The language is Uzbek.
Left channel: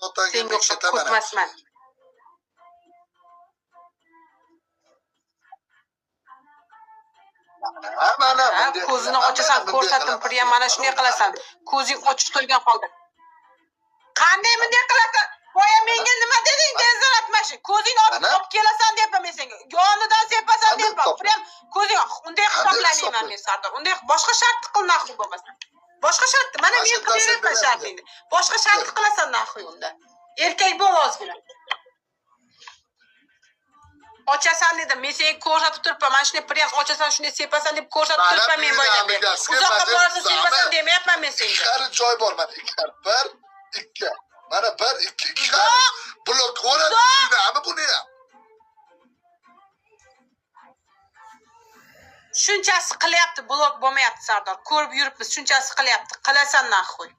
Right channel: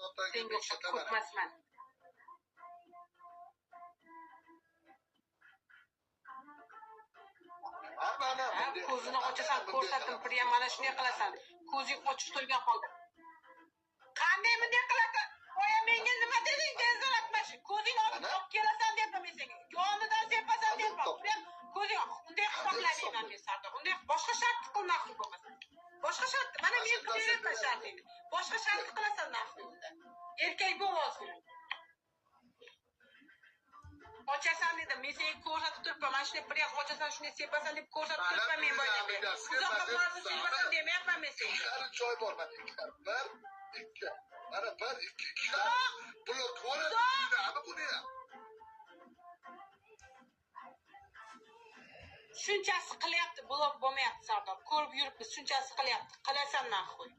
Senga o'xshab ko'tmasman. Ko'zini ochasan, ko'rsatdim, Priyam, mana shunday qilasan. Ko'zing ochiq turgan holda. Qanday bunday qilasan? Boya menga nima deding? Dezalatmashi. Ko'zingni olib kelasan deyapman men senga. Yonidan sepasan deyapman. Priyam, ko'zing unday hisoblamayman men Sardor. Unday boshqa shart qil naxuy bo'lmasa. Boshqa shart, mana men qilmayman shartingni. Boshqa shart qilasan naxuy unda. Erkak bo'l ozgina. Ochasan dedim, men senga ko'rsatib turibman. Mana shunday Priyam ochasan, shunday sepasan deb ko'rsatib turibman men boyadan beri. Uzoqqa borsa sepasan demayapman men senga. Ikkari joy bor mana ikkar. 1 2. Mana 1 2 blok o'radi buni ham. Shunchasi qilyapti, blok bo'lmayapti Sardor. Ko'rib yuribmiz, shunchasi qilyapti. Qilasan naxuy.